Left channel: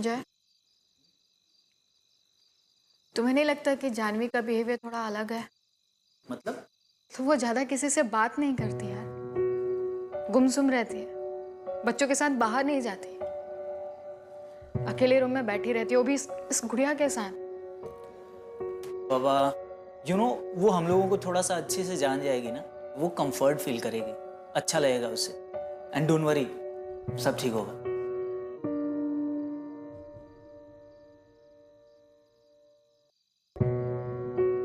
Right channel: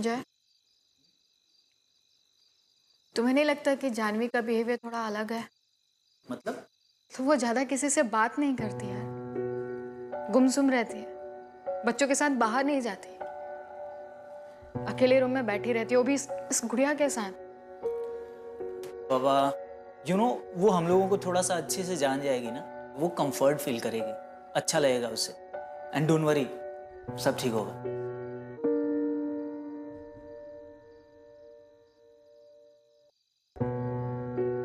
जय, तुम्हें नहीं लगता कि जानवी का बिहेवियर थोड़ा अलग है? मतलब? तो वो ज्यादा किसी से बात नहीं करती यार, गुमसुम रहती है, बच्चों के साथ बाहर नहीं जाती, अकेले रूम में बैठी रहती है, वो भी इस गुड़िया के साथ। बाबा, वो हम लोगों को थोड़ा सा अच्छे से जान जाएगी ना, वो कंफर्ट फील करेगी, अच्छा लगेगा उसे। एंड डोंट वरी, सब ठीक होगा।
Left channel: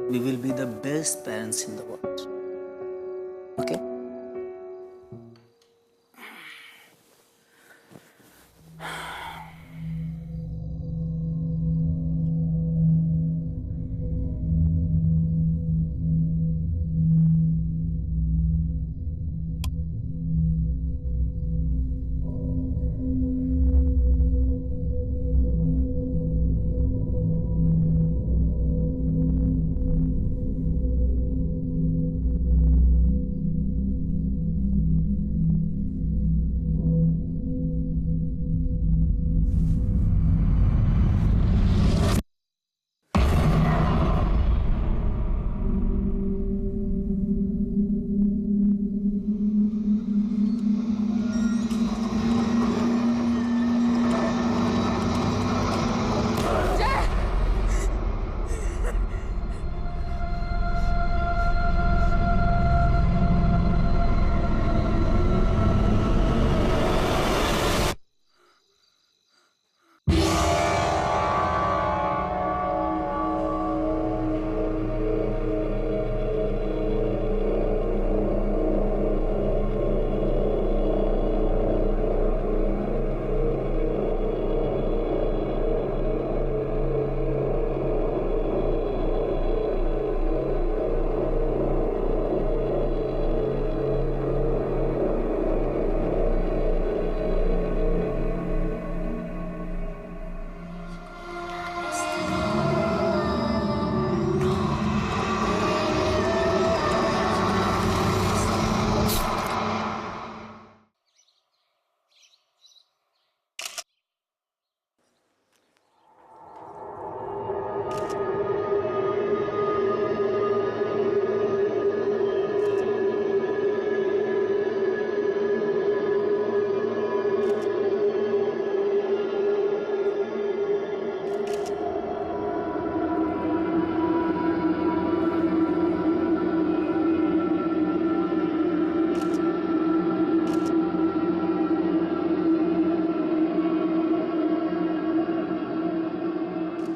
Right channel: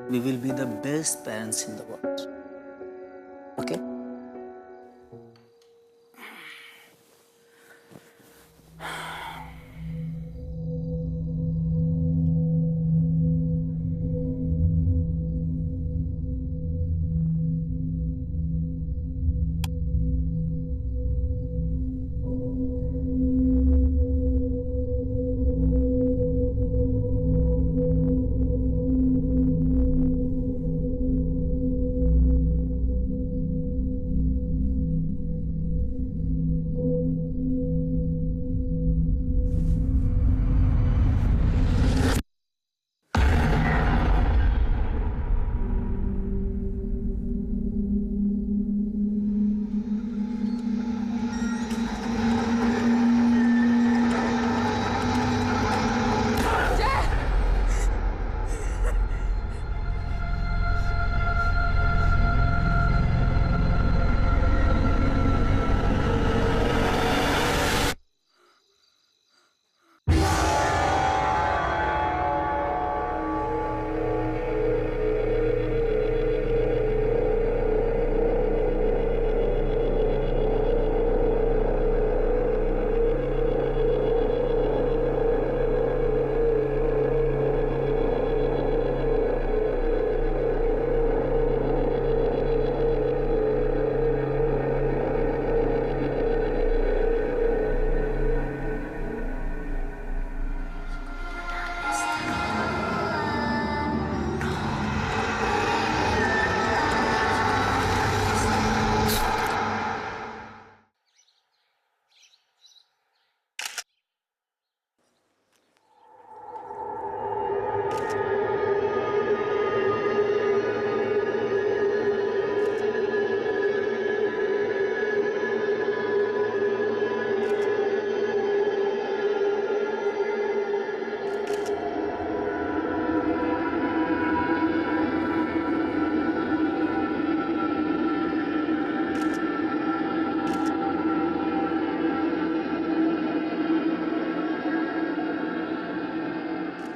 We will be the best parents in the world. Okay?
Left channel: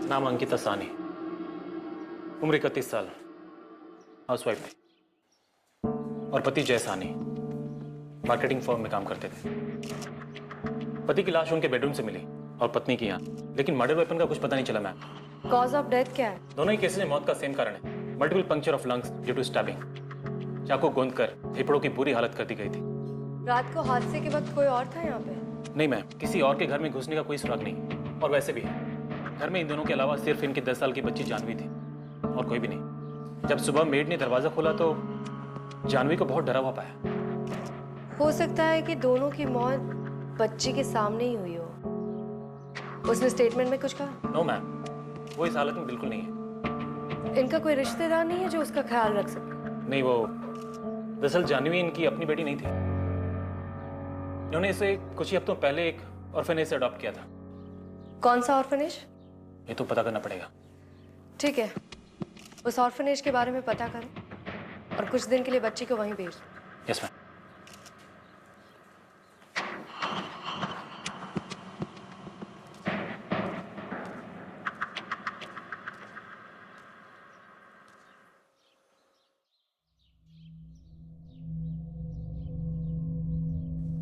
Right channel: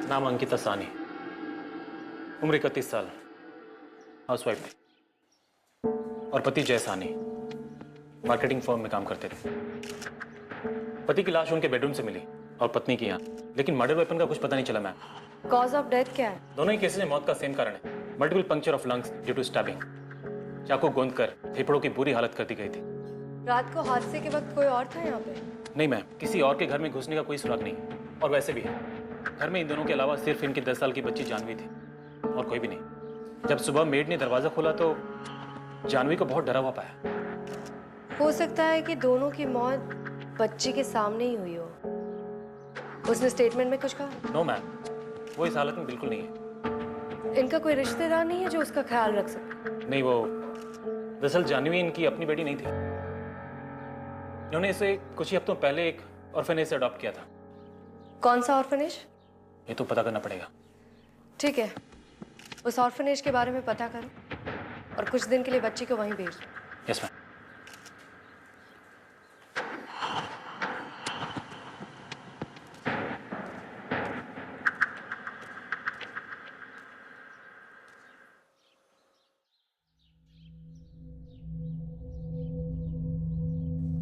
नाम अंकिता सानी, उम्र 31 साल, हाउसवाइफ थी और पति जय सानी मार्केटिंग फर्म में काम करते थे। पति की लाश उनके बेडरूम से मिली और पत्नी की यहाँ, लेकिन मर्डर वेपन का कुछ पता नहीं चला मैम। कॉज ऑफ डेथ क्या है? दोनों ही केसेस में मौत का सेम कारण है, multiple puncture of lungs due to stabbing. चाकू गोंद कर फेफड़ों की बुरी हालत कर दी गई थी। रात को हादसे के वक्त कोई और था यहाँ पे? नहीं मैम, किसी और के घर में घुसने का कोई सुराग नहीं। और वैसे भी है, घर में इन दोनों के अलावा सिर्फ इनकी 10 साल की बच्ची जानवी थी और कोई भी नहीं। जब सुबह मेड ने दरवाजा खोला तो जानवी को बहुत डरा हुआ पाया। हो सकता है कि दोनों की मौत बच्ची के सामने ही हुई हो। उसने स्टेटमेंट में कुछ कहा? नो मैम, वो इस हालत में बिल्कुल नहीं है। इनका कोई रिश्तेदार नहीं है जो उसका ख्याल रख सके? नहीं, वो दरअसल जानवी इनकी अपनी बेटी नहीं थी। इन्होंने इसे कुछ ही हफ्तों पहले एक ऑर्फनेज से अडॉप्ट किया था। कौन सा ऑर्फनेज? ये तो पता करना पड़ेगा। ठीक है, उस ऑर्फनेज के बारे में पता करो और कुछ दिन के लिए बच्ची को वहीं भेज दो। Yes ma'am.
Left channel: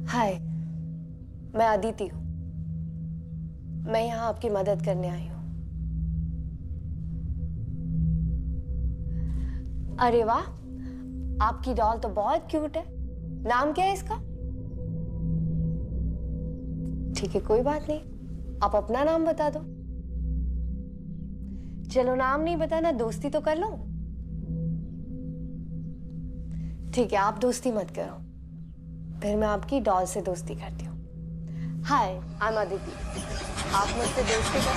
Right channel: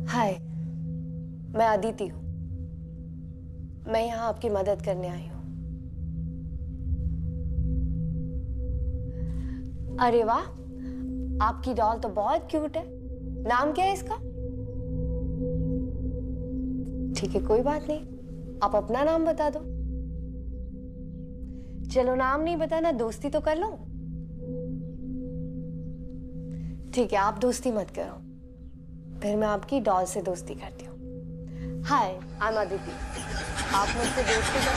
हाय, मैं अदिति हूँ। मैं यहाँ आपकी मदद करने आई हूँ। अरे वाह, आपकी डॉल तो बहुत क्यूट है। नाम क्या है इसका? ठीक है, कोई बात नहीं, आप अपना नाम बता दो। चलो, नाम नहीं बताना, दोस्ती तो कर लो। ठीक है, आप दोस्ती मत करो, फिर मैं आपकी डॉल से दोस्ती करती हूँ। हाय, आई एम अदिति। आप मुझसे दोस्ती कर।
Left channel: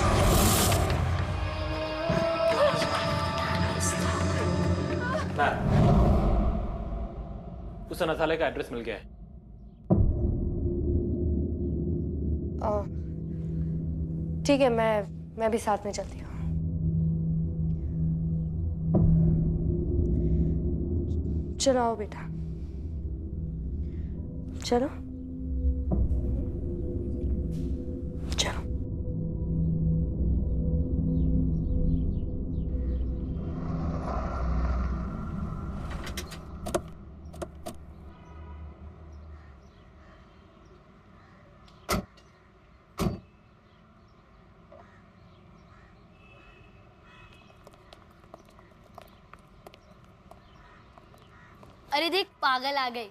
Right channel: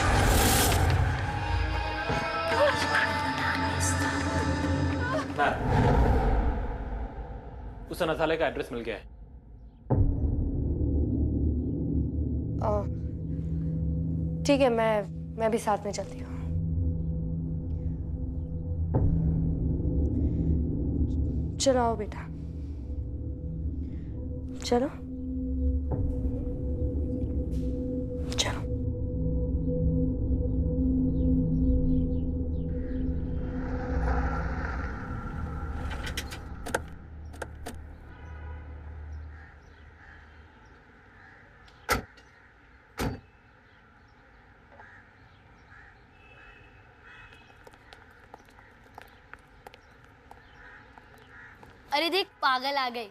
उस अनाथालय का एड्रेस मिल गया है। ठीक है, मैं भी साथ में चलती हूँ। चलो आओ बेटा, चलो चलो। अरे देख, पागल आ गई,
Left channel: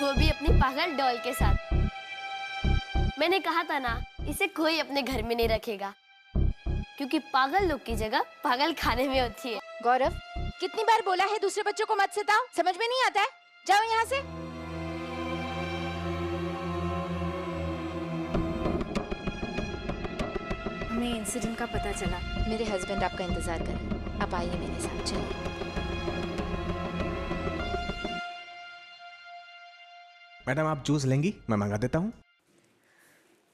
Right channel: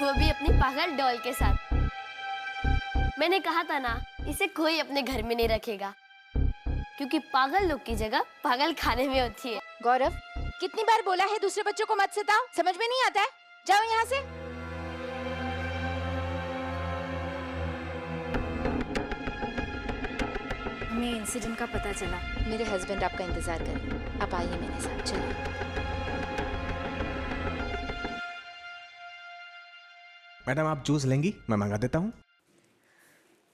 वो भी अपनी पागल डॉल के साथ। मैंने कहा था ना, इसे कोई अपने घर में नहीं रखेगा, क्योंकि पागल लोग की जगह पागल खाने में होती है। गौरव, कितनी बार बोला है दूसरे बच्चों को मत सताओ, समझ में नहीं आता है? जाओ यहाँ से। हमें इंसिडेंट का पता चला, मेरे हस्बैंड आपका इंतजार कर रहे हैं। आप आइए मेरे साथ, चलिए। मैडम आप जूस लेंगी? मैं मंगा देता हूँ।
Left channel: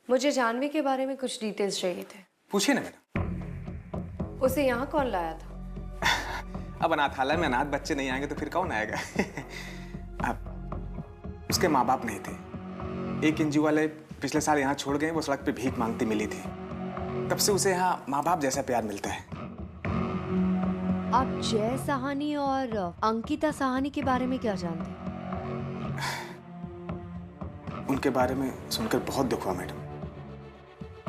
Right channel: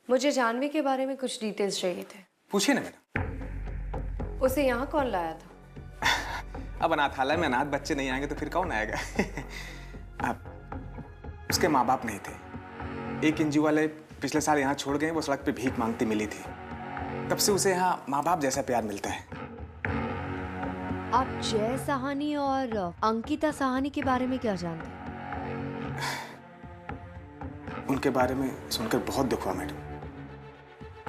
मुझे जानवी के बारे में कुछ डिटेल्स चाहिए थे। पूछिए ना मैडम। उसे यहाँ कौन लाया था? अब अनाथालय में अनाथ बच्चे नहीं आएंगे तो फिर कौन आएगा? अब उसके माँ बाप नहीं थे। एक एनजीओ वाले पिछले साल यहाँ छोड़ गए, वो सड़क पे भीख मांगती मिली थी। तब से उसे यहाँ माँ बाप जैसा प्यार मिलता है। आप जय साहनी और अंकिता साहनी के बारे में क्या जानते हैं? उनके बारे में सुनकर बहुत दुख हुआ मैडम।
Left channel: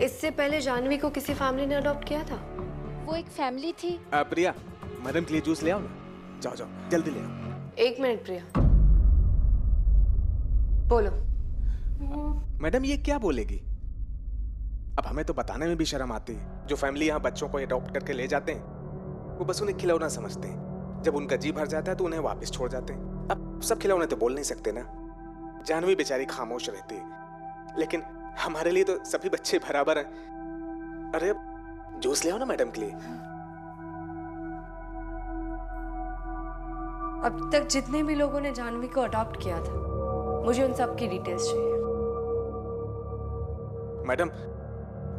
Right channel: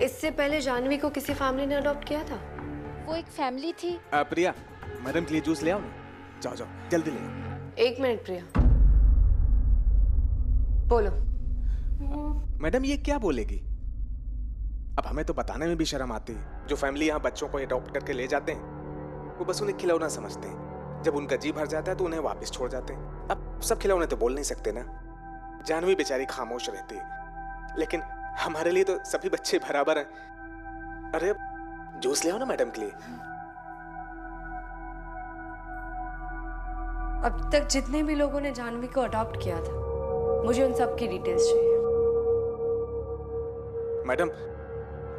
इससे पहले जानवी को किसी फैमिली ने अडॉप्ट किया था? वो एक फैमिली थी। प्रिया, मैडम के लिए जूस ले आओ ना। जाओ जाओ जल्दी ले आओ। एक मिनट प्रिया, बोलो। मैडम ये क्या बोलेगी? अब हमें तो बताने में भी शर्म आती है। जो फैमिली यहाँ बच्चों को अडॉप्ट करके ले जाते हैं, वो बस उन्हें खिलौना समझते हैं। जब उनका जी भर जाता है तो उन्हें वापस छोड़ जाते हैं। अब सब खिलौने तो बोल नहीं सकते ना। जानवी बेचारी खामोश रहती है, लेकिन हमारे लिए तो सभी बच्चे बराबर हैं। अरे जूस ले आओ ना मैडम के लिए। अब तक जितने भी लोगों ने जानवी को अडॉप्ट किया था, मुझे उन सब की डिटेल्स चाहिए। मैडम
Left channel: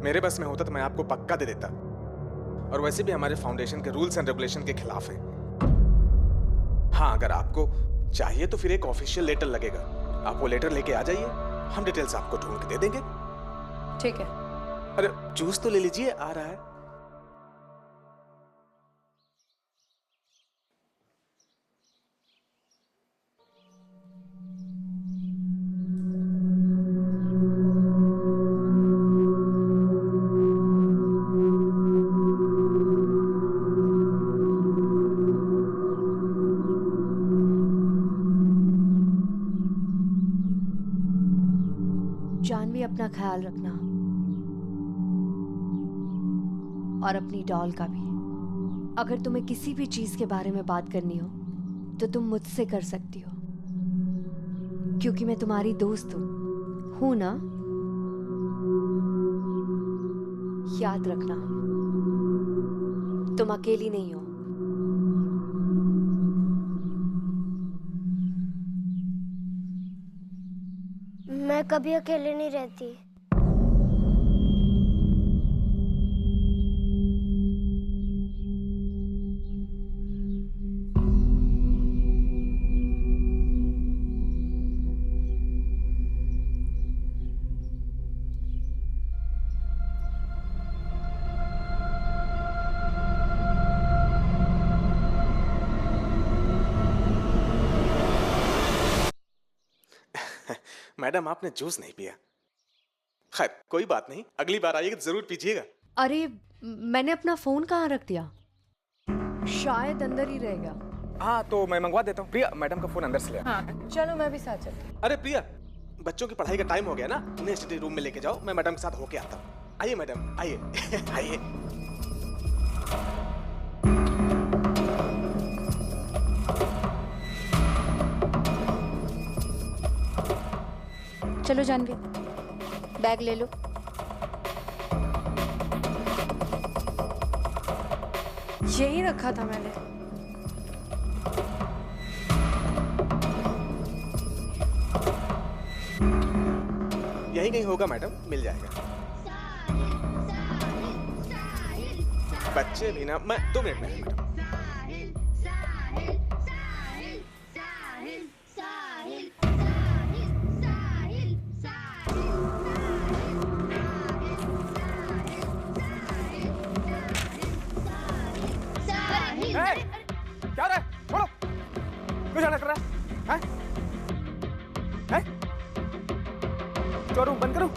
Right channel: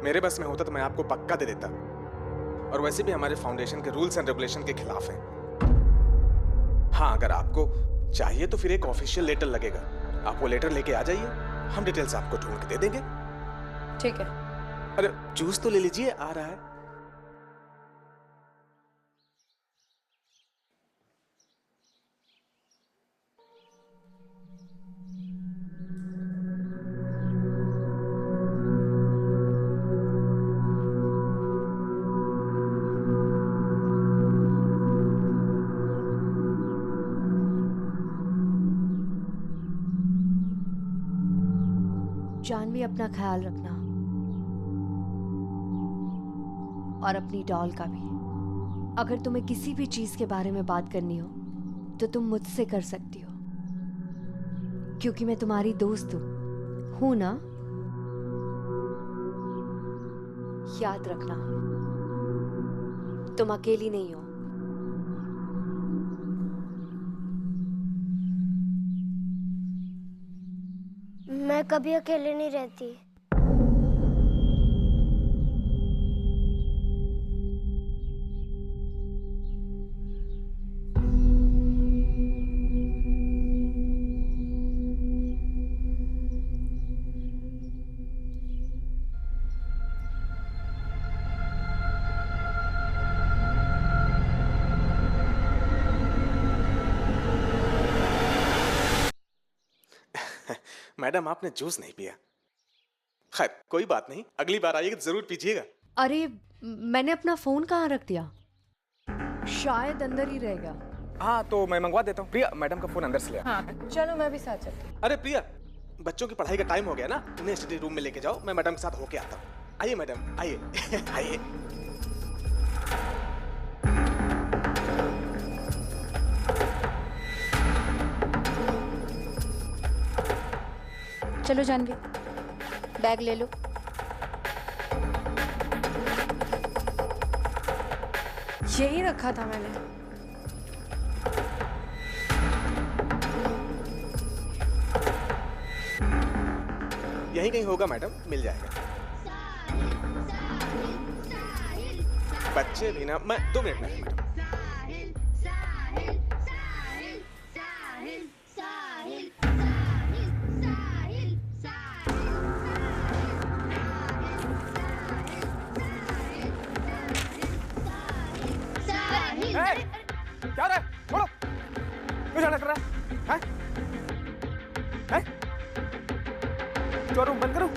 मेरे बस में होता तो मैं आपको पक्का दे देता, और वैसे भी हमारे फाउंडेशन के रूल्स एंड रेगुलेशन के खिलाफ है। हाँ, अगर आपको चाहिए तो फिर एक ऑफिशियल लेटर लगेगा। आप वो लेटर लेके आ जाइए, हम डिटेल्स आपको ढूंढ के दे देंगे। ठीक है। अरे जूस तो ले लीजिए, आ रहा है। जानवी, अपना ख्याल रखना, और अपनी डॉल का भी। अगर तुम्हें किसी भी चीज के बारे में बात करनी हो तो तुम मुझसे कर सकती हो, क्योंकि मैं तुम्हारी दोस्त हूं ना? याद रखना, तुम अकेली नहीं हो। मैं कभी अकेले नहीं रहती। मैडम आपने जूस नहीं पिया। खैर कोई बात नहीं, अगली बार आइएगा तो जरूर पीजिएगा। अरे मैंने अपना फोन कहाँ रख दिया? शायद अंदर ही रह गया। हाँ तो मैं मंगवा देता हूँ। प्रिया मैडम का फोन अंदर से ले आओ। हाँ चलो, मैं भी साथ चलती हूँ। अरे प्रिया, बच्चों की पढ़ाई का टाइम हो गया ना, उन्हें स्टडी रूम में लेके जाओ। मैं मैडम के साथ होके आता हूँ। आइए मैडम, आइए आइए। चलो जानवी, बैग ले लो। यही रखा था मैंने। यहीं कहीं होगा मैडम, मिल जाएगा। बच्चे भी ना, मैं 2 मिनट में मैडम। क्या हो रहा है? छोड़ो, क्यों झगड़ा कर रहा है? हैं? शोरूम बंद करूं?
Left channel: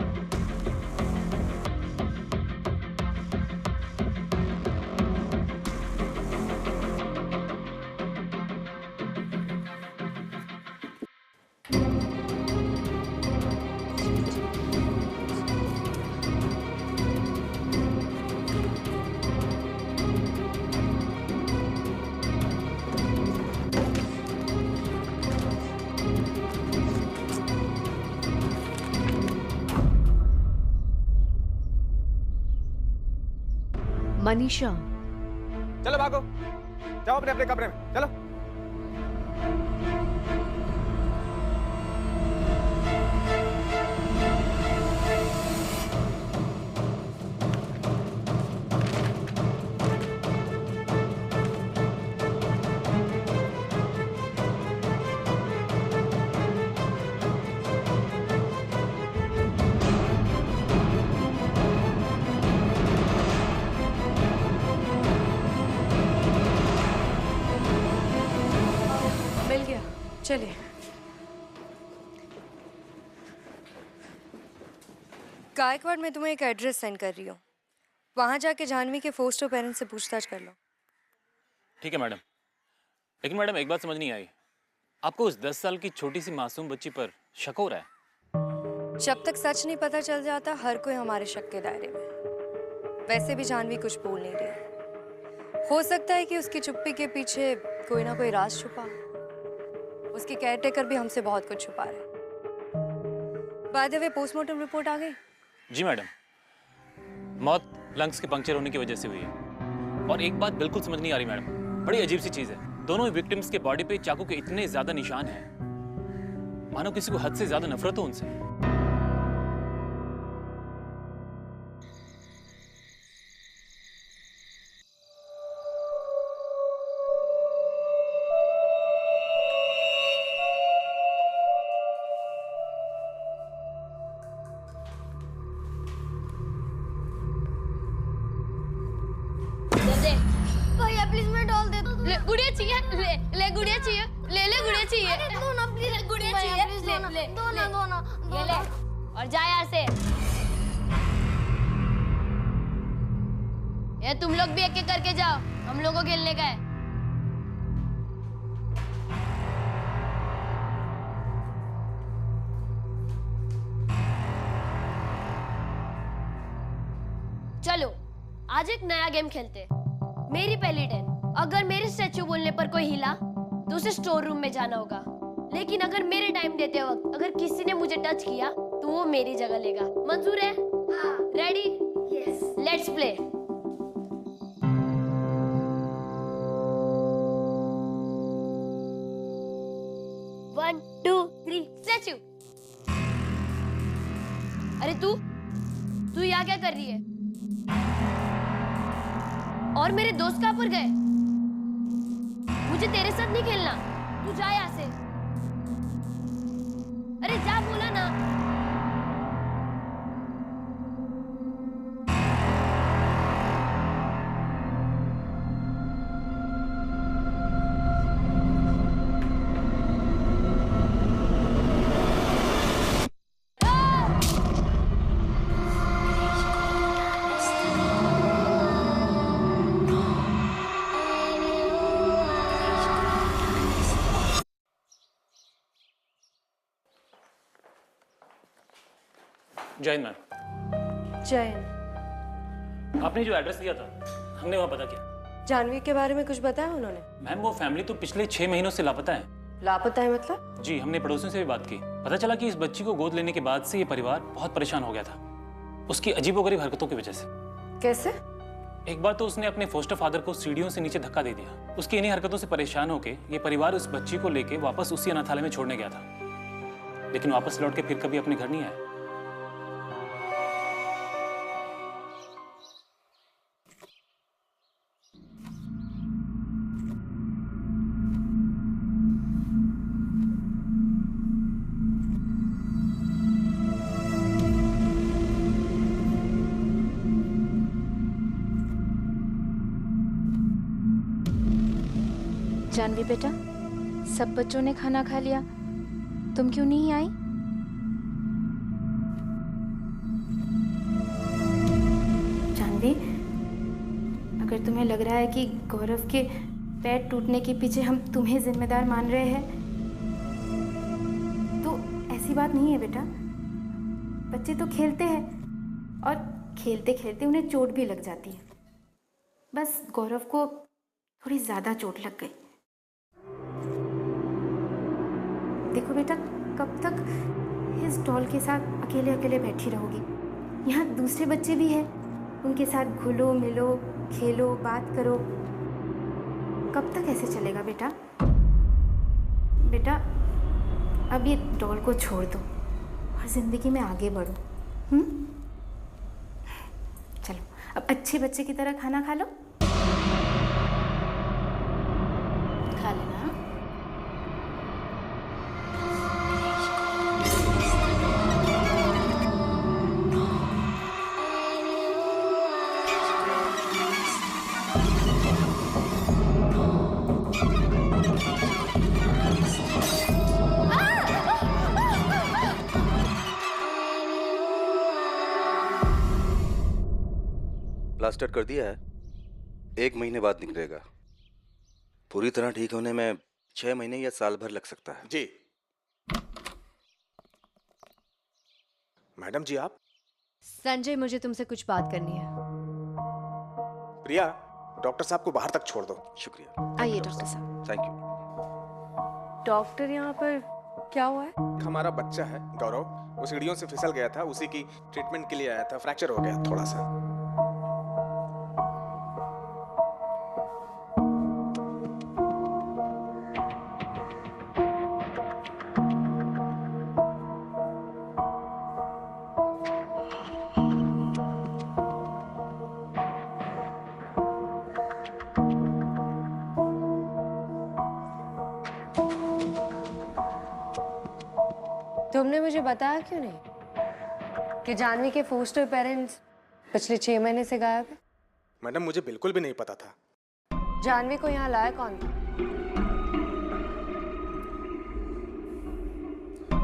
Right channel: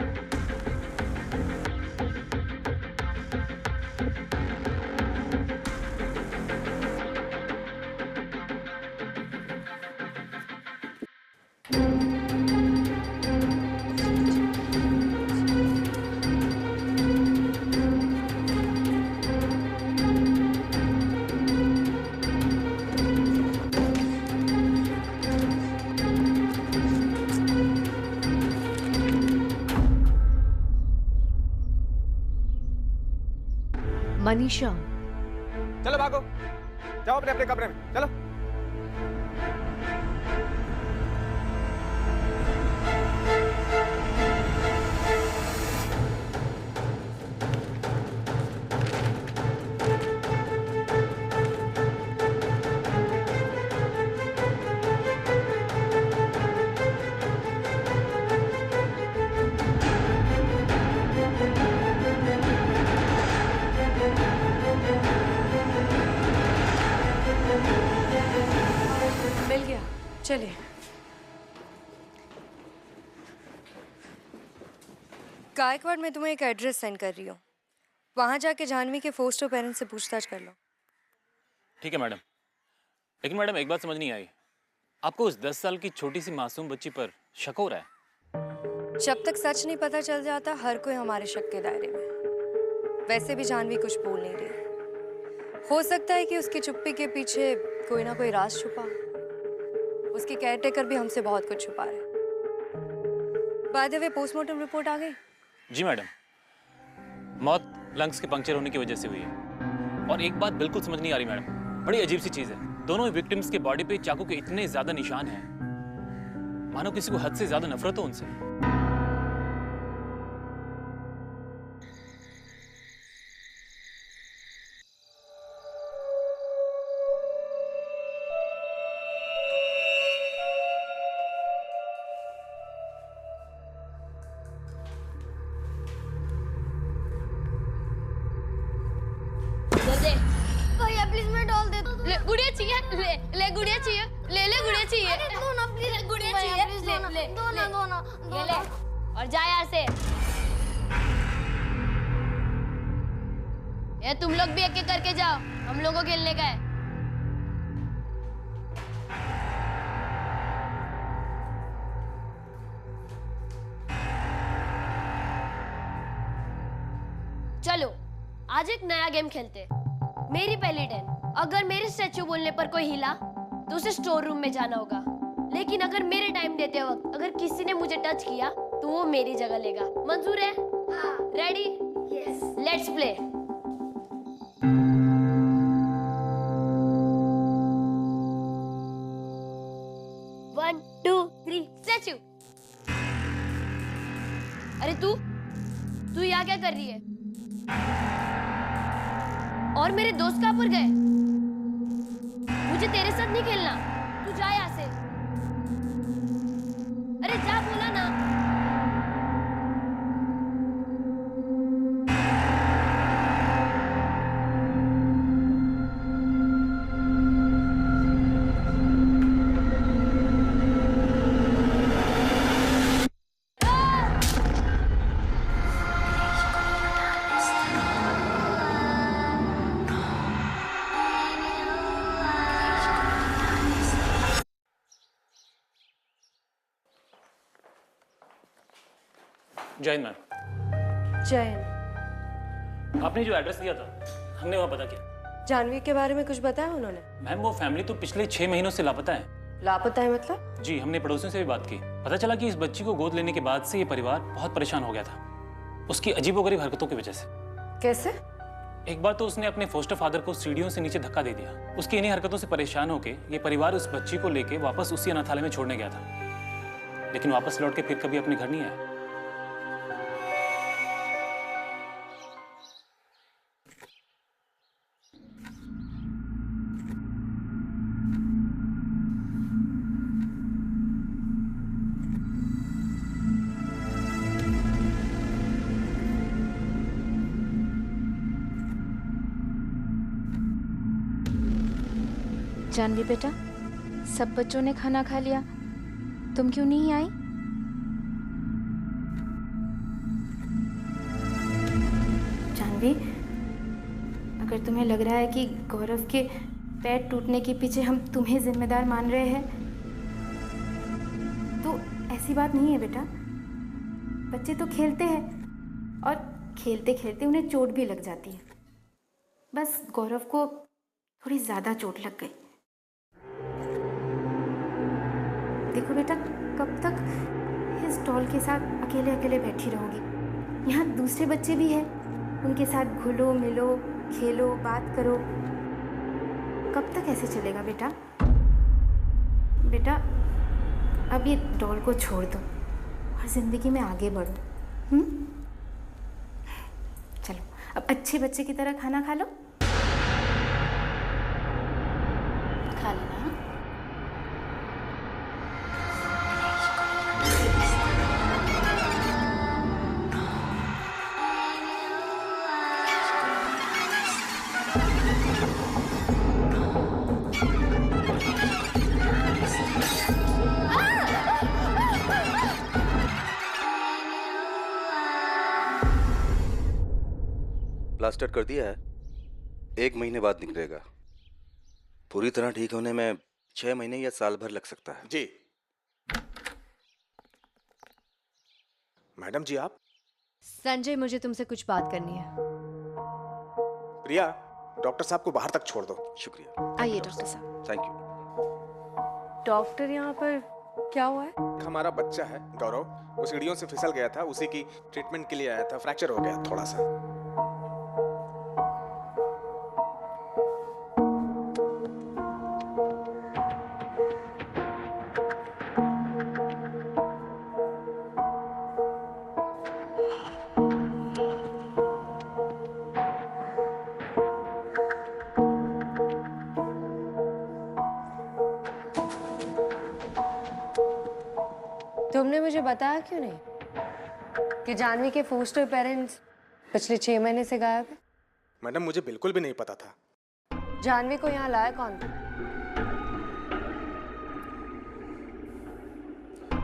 मनीषा, चलो भागो, जाओ अपने अपने कमरे में, चलो। मिल गया, चलिए। गायकवाड़ मैं तुम्हें एक एड्रेस सेंड कर रही हूँ, वहाँ जाके जाह्नवी के फोस्टर पेरेंट्स से पूछताछ कर लो। ठीक है मैडम। लेकिन मैडम एक बात समझ नहीं आई, आपको उस 10 साल की छोटी सी मासूम बच्ची पर शक हो रहा है? जब तक सच नहीं पता चल जाता हर कोई हमारे शक के दायरे में। वैसे भी जाह्नवी कुछ बोल नहीं रही, हो सकता है कि उसकी चुप्पी के पीछे कोई ना कोई राज छुपा। उसके केयरटेकर भी हमसे बहुत कुछ छुपा रहे। By the way postmortem report आ गई? जी मैडम, मौत लंग्स के पंक्चर होने की वजह से हुई है। और एक बात बिल्कुल समझ नहीं आ रही मैडम, बड़ी अजीब सी चीज है, दोनों ही विक्टिम्स के बॉडी पे चाकू के इतने ज्यादा निशान हैं, मानो किसी को हद से ज्यादा नफरत हो उनसे। भैया प्लीज मैं डॉल दे दो। ले गुड़िया चाहिए, ले गुड़िया चाहिए, ले गुड़िया चाहिए। दो ना प्लीज, गुड़िया चाहिए, ले दो ना ये ले और जा यहाँ से। ये तुम लोग भी एक एक करके जाओ, हम लोगों को खेलने का है। चलो आज एक नया गेम खेलते हैं। मेरी पहली टर्न, अगर मेरे स्टैचू बोलने पर कोई हिला तो उसे स्टोर रूम में जाना होगा। लेकिन अगर मेरे टाइम देते वक्त अगर किसी ने मुझे टच किया तो वो मेरी जगह लेगा। मंजूर है? हाँ। Ready? Yes. Let's play. One two three statue. अरे तू यहाँ क्या कर रही है? और मेरे दोस्त कहाँ पर गए? मुझे तेरे साथ नहीं खेलना, तू जा यहाँ से। अरे जा, बोला ना। जय हिंद मैम। जय हिंद। आपने जो एड्रेस दिया था हमने वहाँ पता किया। जाह्नवी के बारे में कुछ बताया उन्होंने? मैम वो फैमिली तो पिछले 6 महीनों से लापता है। लापता है मतलब? जी, हमने पड़ोसियों से भी बात की, पता चला कि इस बच्ची को गोद लेने के बाद से ये परिवार बहुत परेशान हो गया था, उसकी अजीबोगरीब हरकतों की वजह से। कैसे? एक बार तो उसने अपने फोस्टर फादर को सीढ़ियों से नीचे धक्का दे दिया। उसकी इन्हीं हरकतों से परेशान होकर ये परिवार उस बच्ची को लेके वापस उसी अनाथालय में छोड़ने गया था, लेकिन वापस लौट के फिर कभी अपने घर नहीं आया। जानवी बेटा, सब बच्चों ने खाना खा लिया, तुम क्यों नहीं आई? जानवी, अगर तुम्हें लग रहा है कि गौरव के पैर टूटने के पीछे हम तुम्हें जिम्मेदार मान रहे हैं, तो ऐसी बात नहीं है बेटा। बच्चे तो खेलते हैं और खेलते खेलते उन्हें चोट भी लग जाती है। बस गौरव को थोड़ी ज़्यादा चोट लग गई। देखो बेटा, कब तक इस डॉल के साथ अकेले अकेले बैठी रहोगी? यहाँ दूसरे बच्चे भी हैं, उनके साथ घुलो मिलो, खेलो, बात करो। कब तक ऐसे चलेगा बेटा? बेटा, अब ये डॉल को छोड़ दो और ज़िंदगी में आगे बढ़ो। चलो, अब अच्छे बच्चे की तरह खाना खा लो। खा लेना। हाँ? प्लास्टर कर दिया है, 1 महीने बाद निकलेगा। पूरी तरह ठीक होने में 6 महीने या साल भर लग सकता है। जी मैडम जी, आप? संजय, मुझे तुमसे कुछ बात करनी है। प्रिया, डॉक्टर साहब को बाहर तक छोड़ दो। शुक्रिया। आइए डॉक्टर साहब। Thank you. डॉक्टर, यहाँ पर क्या हुआ है? हमारा बच्चा है गौरव, वो सीढ़ियों से फिसल गया था, उसी की ट्रीटमेंट के लिए आया था। फ्रैक्चर हो गया थोड़ा सा। तुमने मुझे बताया क्यों नहीं कि जानवी के फोस्टर पेरेंट्स पिछले 6 महीने से गायब है? मैडम, मुझे बिल्कुल भी नहीं पता था। जानवी को यहाँ लाया कौन था?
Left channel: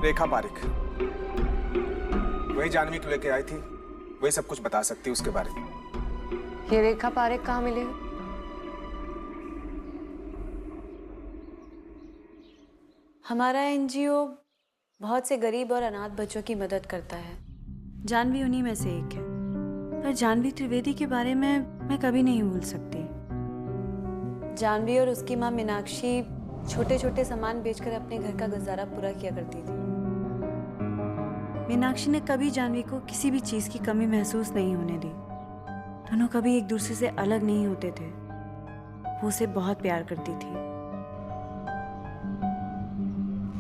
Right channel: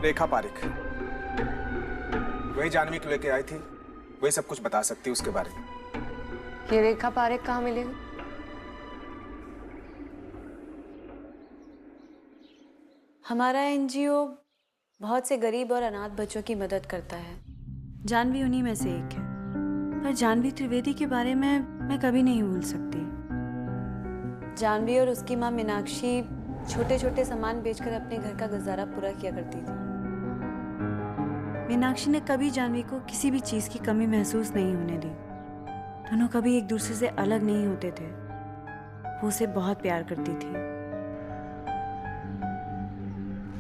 रेखा पारिक, वही जानवी को लेके आई थी, वही सब कुछ बता सकती है उसके बारे में। ये रेखा पारिक कहाँ मिलेगी? हमारा एनजीओ बहुत से गरीब और अनाथ बच्चों की मदद करता है। जानवी उन्हीं में से एक है। पर जानवी त्रिवेदी के बारे में मैं कभी नहीं भूल सकती। जानवी और उसकी माँ मीनाक्षी छोटे छोटे सामान बेचकर अपने घर का गुजारा पूरा किया करती थी। मीनाक्षी ने कभी जानवी को किसी भी चीज़ की कमी महसूस नहीं होने दी। दोनों कभी एक दूसरे से अलग नहीं होते थे। वो उसे बहुत प्यार करती थी।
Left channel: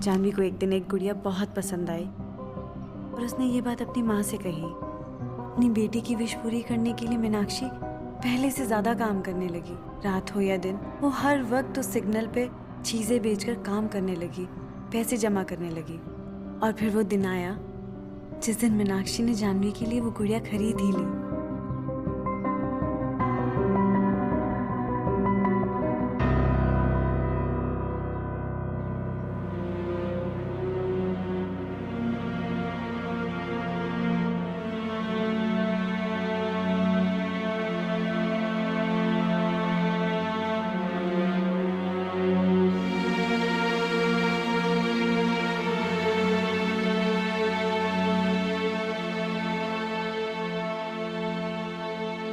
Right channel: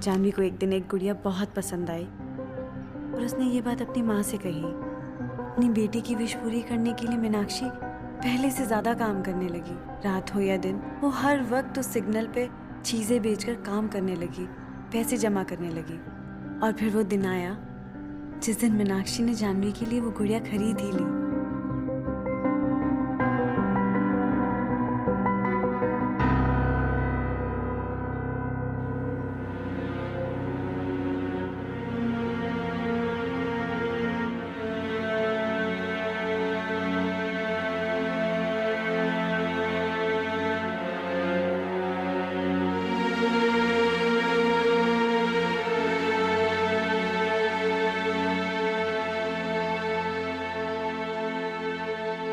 जानवी को एक दिन एक गुड़िया बहुत पसंद आई और उसने ये बात अपनी माँ से कही। अपनी बेटी की विश पूरी करने के लिए मीनाक्षी पहले से ज़्यादा काम करने लगी। रात हो या दिन, वो हर वक्त उस सिग्नल पे चीज़ें बेचकर काम करने लगी, पैसे जमा करने लगी। और फिर वो दिन आया जिस दिन मीनाक्षी ने जानवी के लिए वो गुड़िया खरीद ही ली।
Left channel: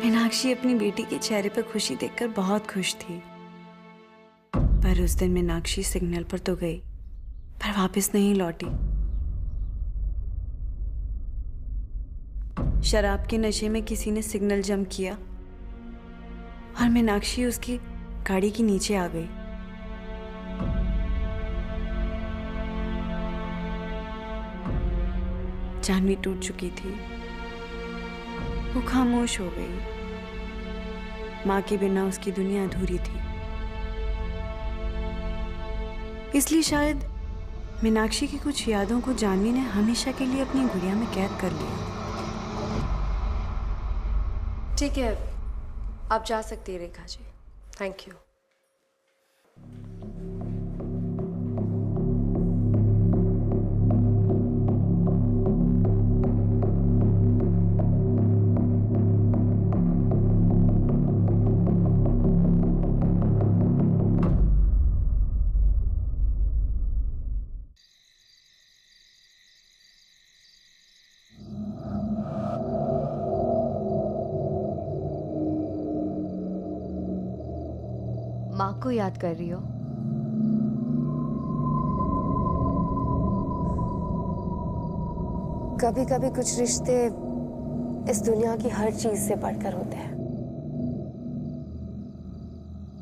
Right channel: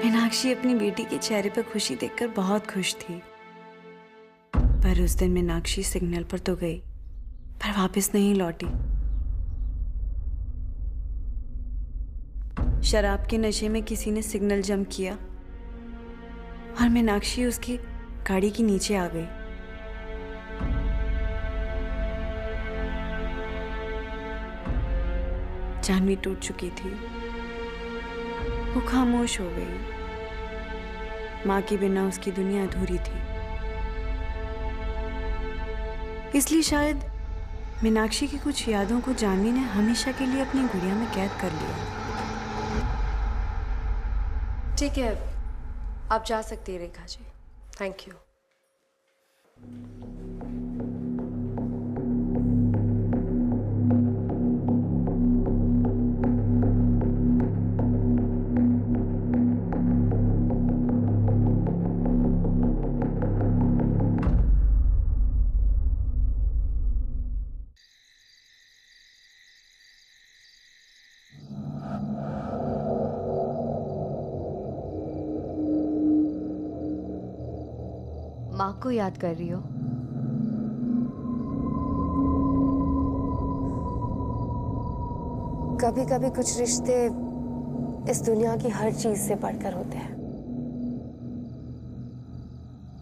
मीनाक्षी अपनी बेटी के चेहरे पर खुशी देखकर बहुत खुश थी। पर उस दिन मीनाक्षी सिग्नल पर तो गई, पर वापस नहीं लौटी। शराब के नशे में किसी ने सिग्नल जंप किया और मीनाक्षी उसकी गाड़ी के नीचे आ गई। जानवी टूट चुकी थी, वो खामोश हो गई। माँ के बिना उसकी दुनिया अधूरी थी। इसलिए शायद मीनाक्षी की कुछ यादों को जानवी ने हमेशा के लिए अपनी गुड़िया में कैद कर लिया। ठीक है, आप जा सकती हैं रेखा जी। Thank you. माँ को याद कर रही हो? कभी कभी कुछ रिश्ते इस दुनिया की हर चीज से बढ़कर होते हैं,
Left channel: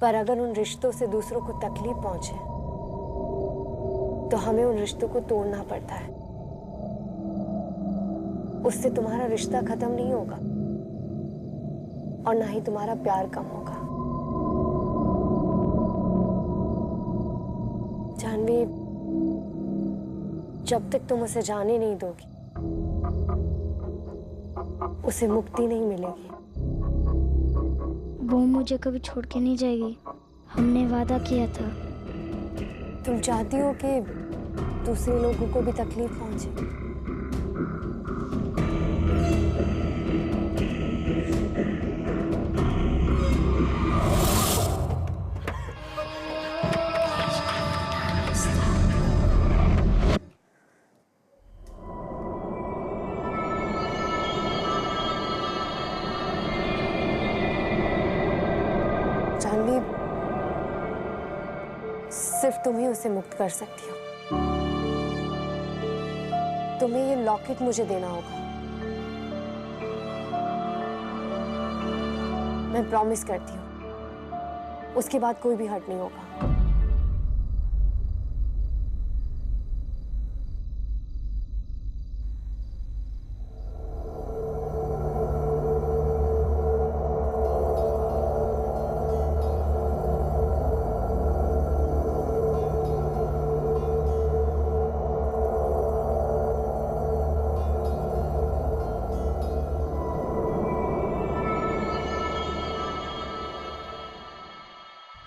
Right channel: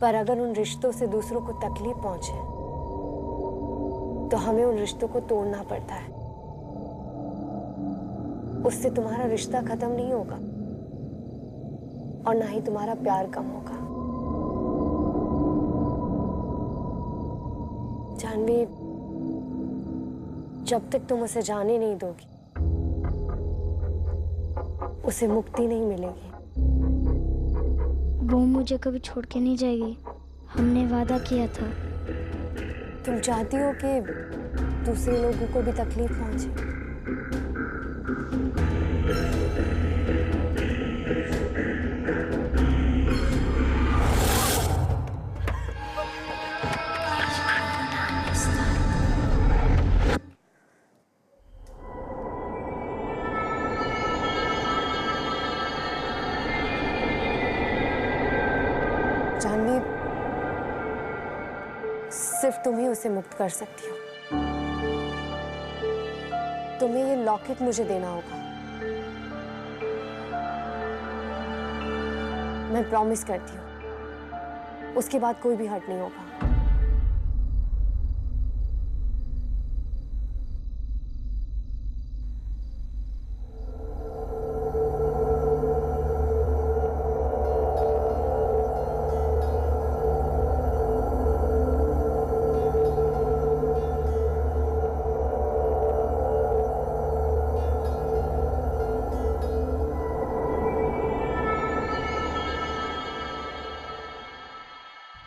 पर अगर उन रिश्तों से दूसरों को तकलीफ पहुंचे तो हमें उन रिश्तों को तोड़ना पड़ता है। उससे तुम्हारा रिश्ता खत्म नहीं होगा और ना ही तुम्हारा प्यार कम होगा। जानवी, जब तक तुम उसे जाने नहीं दोगी उसे मुक्ति नहीं मिलेगी। वो मुझे कभी छोड़ के नहीं जाएगी, हमने वादा किया था। तुम चाहती हो कि दूसरे लोगों को भी तकलीफ पहुंचे? जानवी, सिर्फ तुम ही उसे मुक्त कर सकती हो। तुम्हें ये लॉकेट मुझे देना होगा। मैं प्रॉमिस करती हूँ, उसके बाद कोई भी हर्ट नहीं होगा।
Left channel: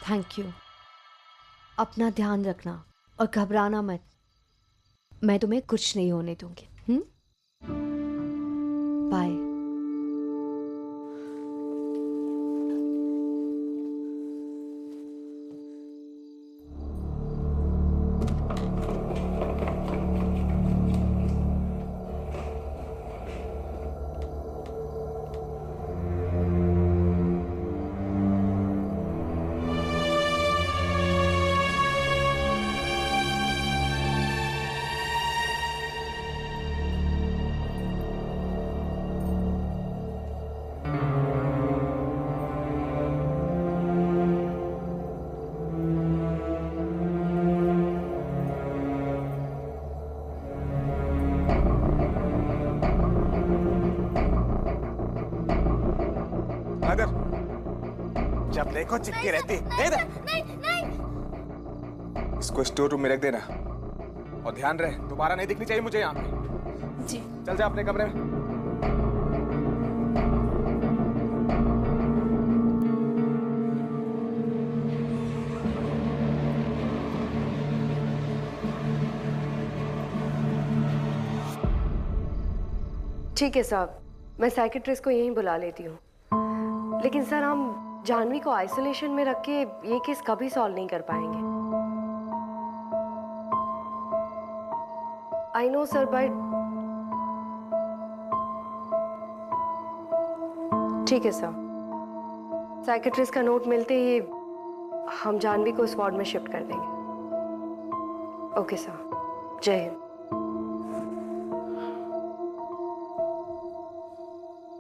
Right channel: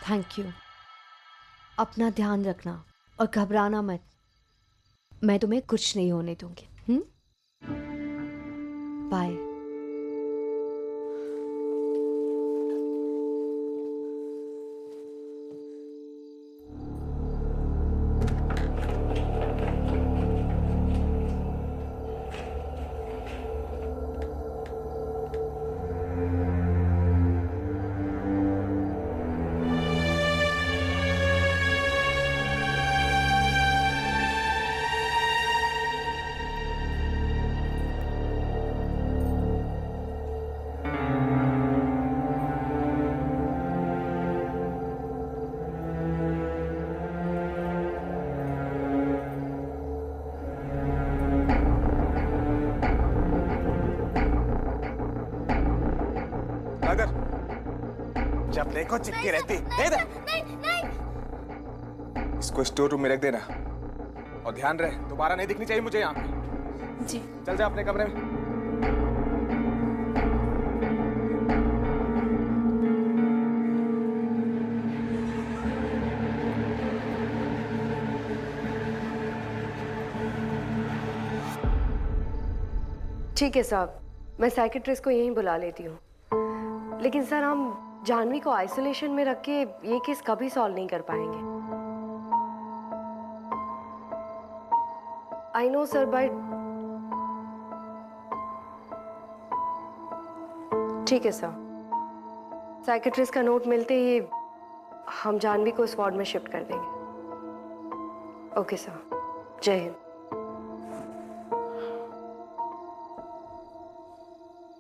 Thank you. अपना ध्यान रखना और घबराना मत। मैं तुम्हें कुछ नहीं होने दूंगी। बाय। मगर जब देखो चिपकी रहती है। इसको स्टोर रूम में रख देना और ध्यान रहे दोबारा नहीं दिखनी चाहिए मुझे यहाँ पे। जी। चल जा अपने कमरे में। ठीक है साहब, मैं साइकेट्रिस्ट को यहीं बुला लेती हूँ। लेकिन सर, हम जानवी को आइसोलेशन में रख के ये केस कभी सॉल्व नहीं कर पाएंगे। आई नो सर, बट ठीक है सर। साइकेट्रिस्ट का नोट मिलते ही हम जानवी को इस वार्ड में शिफ्ट कर देंगे। ओके सर, जय हिंद।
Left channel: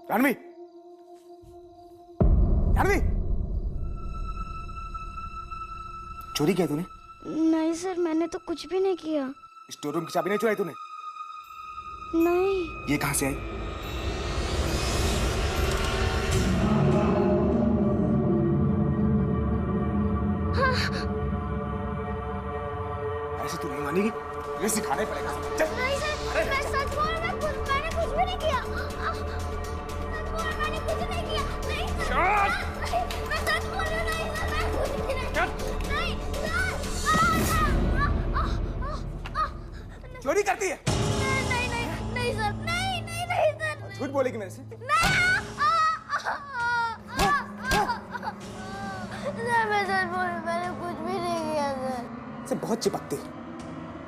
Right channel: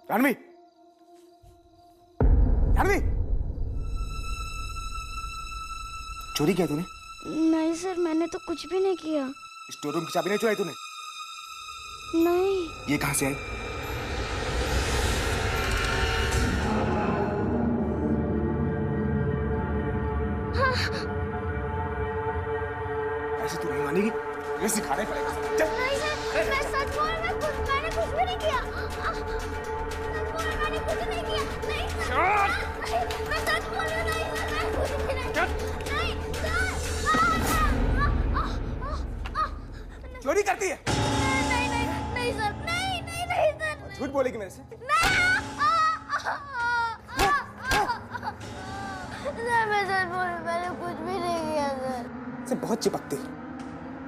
जानवी, जानवी, चोरी किया तूने? नहीं सर, मैंने तो कुछ भी नहीं किया। स्टोर रूम की चाबी नहीं चुराई तूने? नहीं। ये कहाँ से आई? ऐसे तू नहीं मानेगी, ये सिखाना ही पड़ेगा। चल। नहीं सर, मैं सच बोल रहा हूँ, मैंने कुछ भी नहीं किया। सच बोल रहा हूँ, मैंने कुछ नहीं किया। नहीं सर, मैं सच बोल रही हूँ, नहीं सर, मैं कुछ भी नहीं किया। नहीं सर। चोरी करती है? नहीं नहीं नहीं सर, नहीं नहीं नहीं सर। झूठ बोलेगी मेरे से? मैं सच बोल रही हूँ, मैंने कुछ भी नहीं किया सर। से बहुत चिपकती है,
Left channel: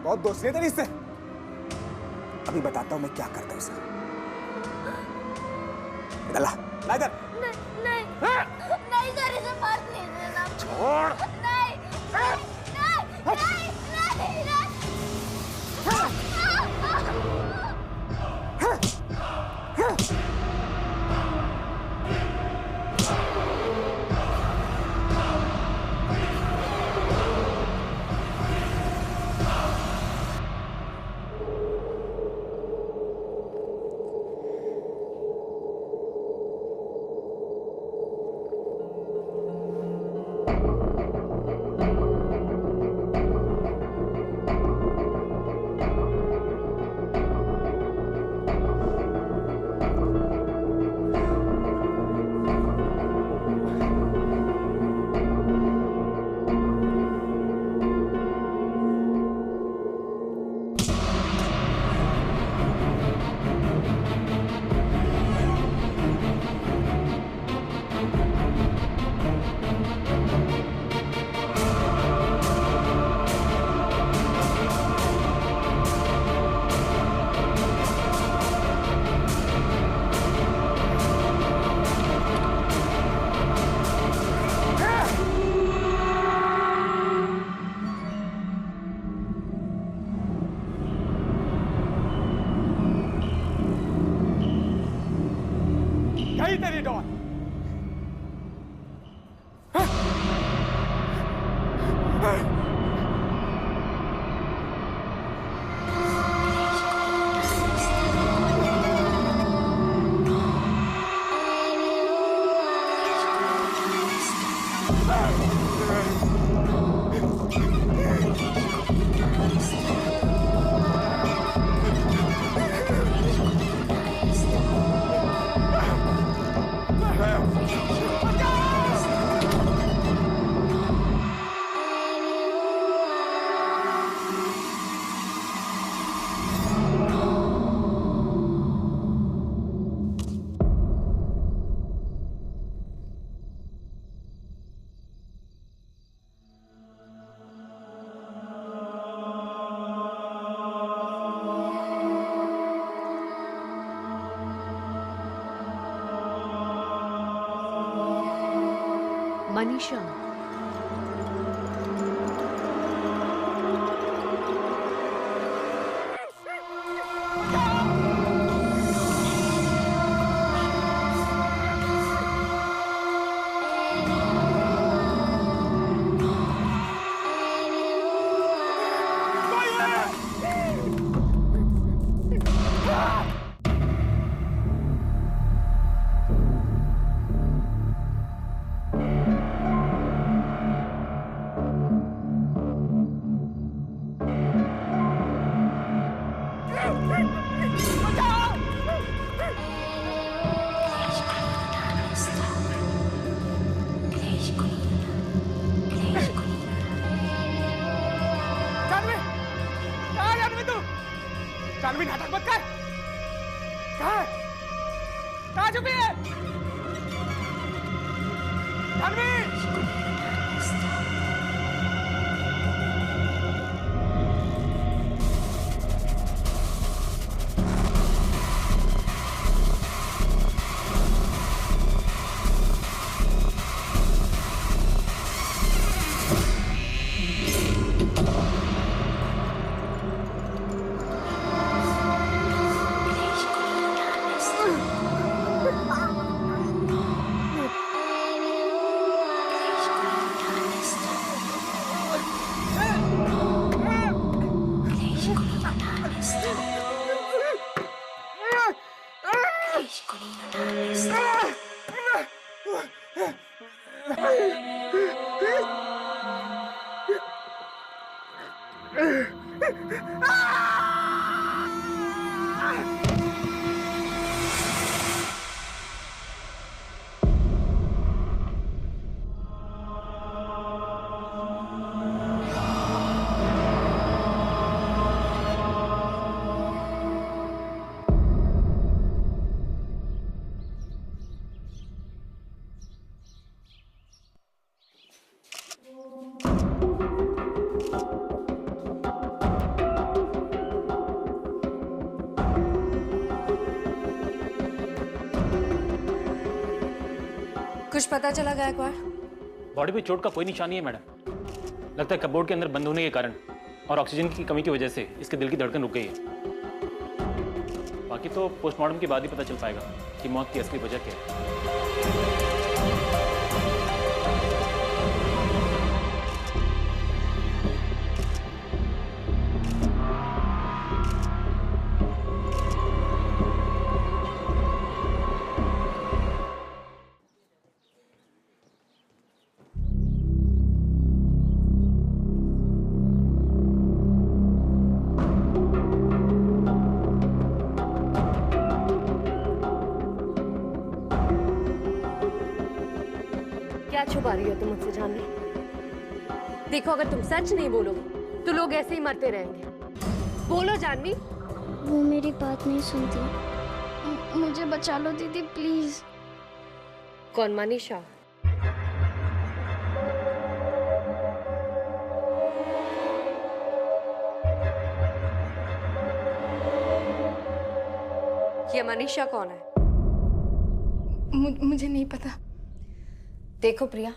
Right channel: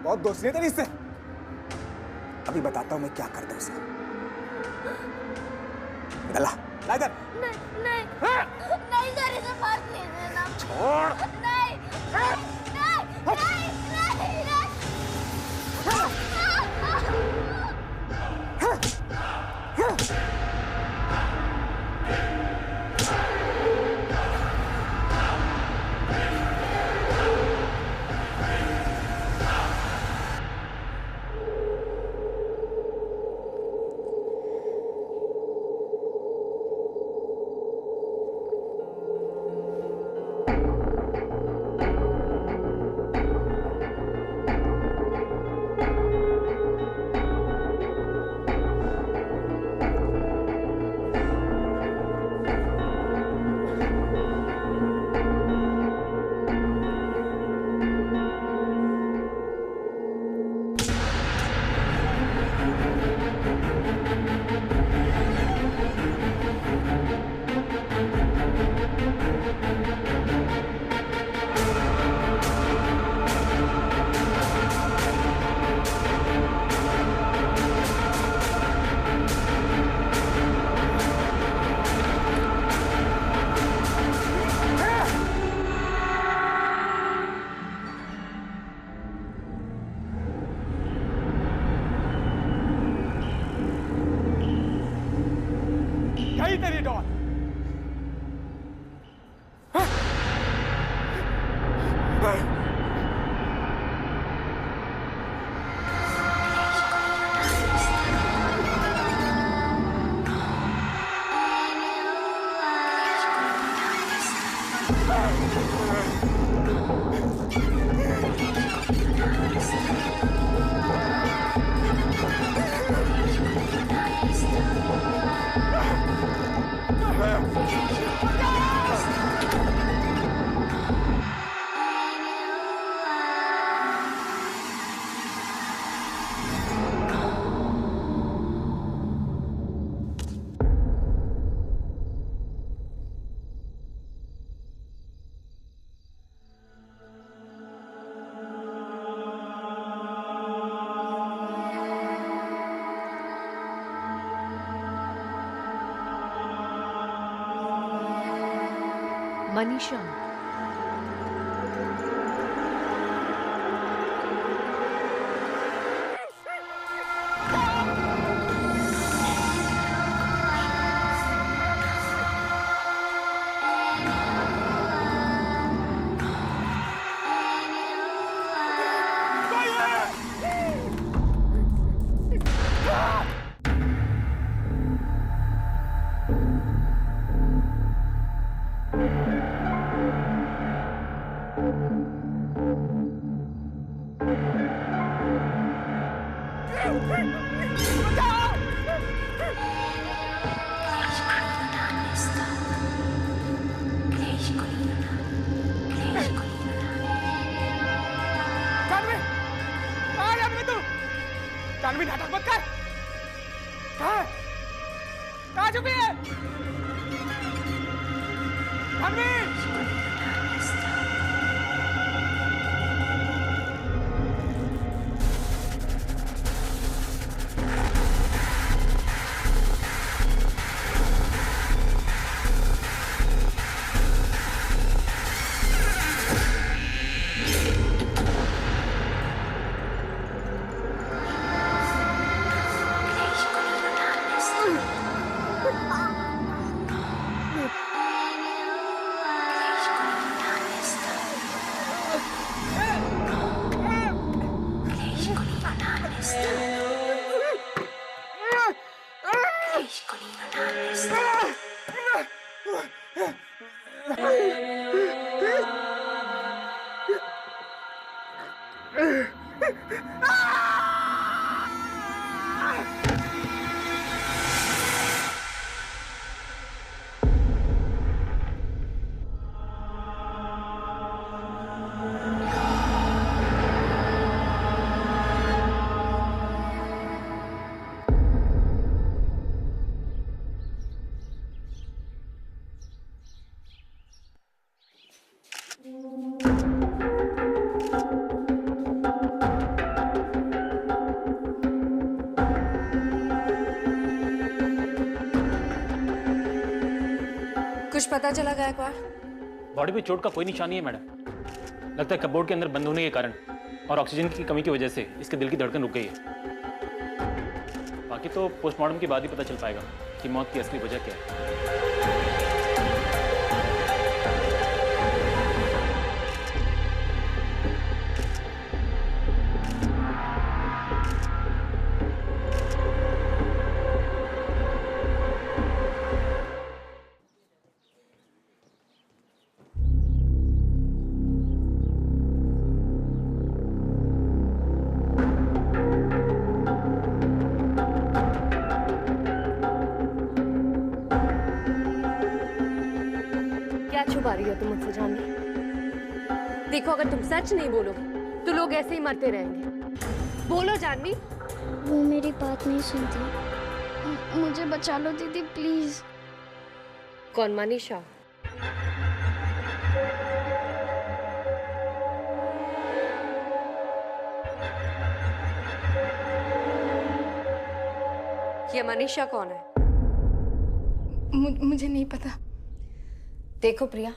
बहुत दोस्ती है तेरी इससे। अभी बताता हूँ मैं क्या करता हूँ उसे। इधर ला, ला इधर। नहीं नहीं नहीं सर, इसे बात नहीं देना। छोड़। नहीं नहीं नहीं नहीं नहीं। गई तेरी डॉल। मनीषा, जानवी नाटक मत कर। कहाँ है? कहाँ छुपी है? जानवी! कुछ पता चला गायकवाड़? बॉडी पे चोट का कोई निशान नहीं है मैडम। लगता है कपबोर्ड के अंदर बंद होने के कारण और ऑक्सीजन की कमी की वजह से इसके दिल की धड़कन रुक गई है। बाकी तो पोस्टमार्टम के बाद ही पता चल पाएगा कि मौत की असली वजह क्या है। क्या छुपा रही हो तुम मुझसे जानवी? देखो, अगर तुम सच नहीं बोलोगे तो लोग ऐसे ही मरते रहेंगे। बोलो जानवी। वो मेरी बात नहीं सुनती। मुझे बचा लो दीदी, प्लीज। कौन? मनीषा? ये मनीषा कौन है? मुझे नहीं पता। देखो प्रिया,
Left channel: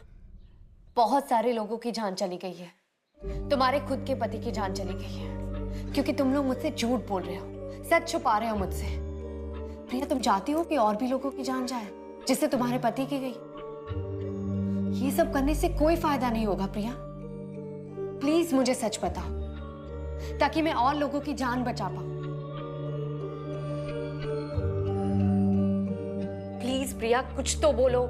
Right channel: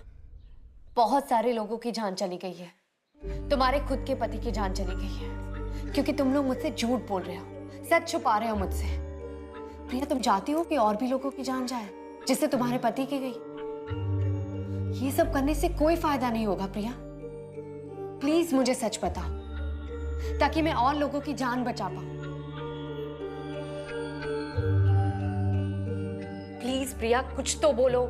बहुत सारे लोगों की जान चली गई है। तुम्हारे खुद के पति की जान चली गई है क्योंकि तुम लोग मुझसे झूठ बोल रहे हो, सच छुपा रहे हो मुझसे। प्रिया, तुम चाहती हो कि और भी लोगों की जान जाए जिससे तुम्हारे पति की गई। ये सब करने से कोई फायदा नहीं होगा प्रिया। प्लीज मुझे सच बताओ ताकि मैं और लोगों की जान बचा पाऊं। प्लीज प्रिया, कुछ तो बोलो।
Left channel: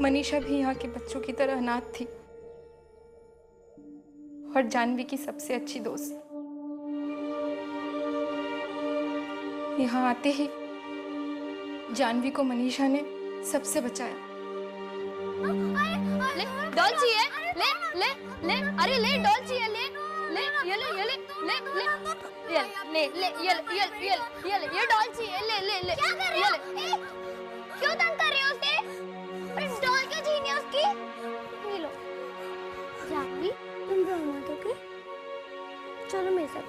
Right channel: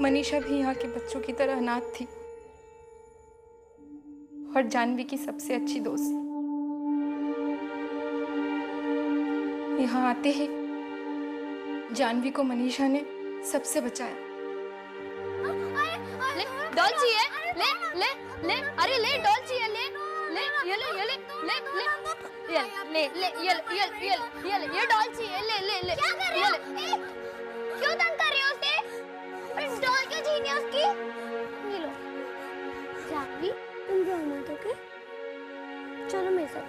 मनीषा भी यहाँ के बच्चों की तरह अनाथ थी और जानवी की सबसे अच्छी दोस्त। यहाँ आते ही जानवी को मनीषा ने सबसे बचाया। ले डॉल चाहिए? ले ले ले, अरे ले डॉल चाहिए? ले ले ये ले ये ले ले ले ले ले ये डॉल चाहिए? ले ले ले, क्या कर रही हो? क्यों तंग कर रही हो उसे? डॉल क्यों छीनी है उसकी? ये लो जानवी, तुम रो मत, ओके? चलो मेरे साथ।